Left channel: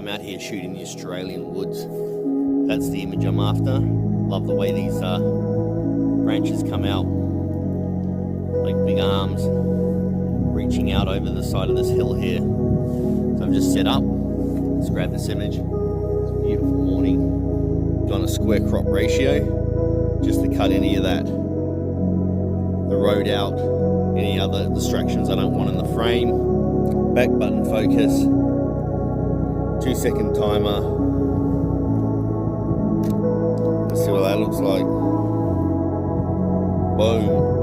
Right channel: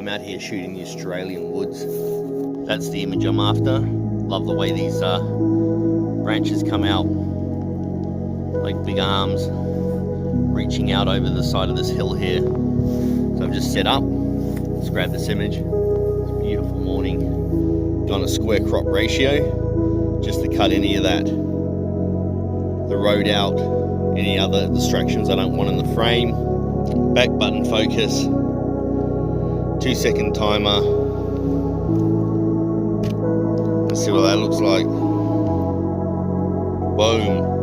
I'm out here shooting the Australian woods. That's the image I'm after. Love the way these branches come out like big arms reaching out over the side of this hill here. So I've just set up. Let's grab this image. It's a beautiful morning. Gone a square crop ratio just to cut any of that, the road out, any other distractions I don't want in the frame. Back button focus, 2-second timer. Let's see what that looks like. Boom.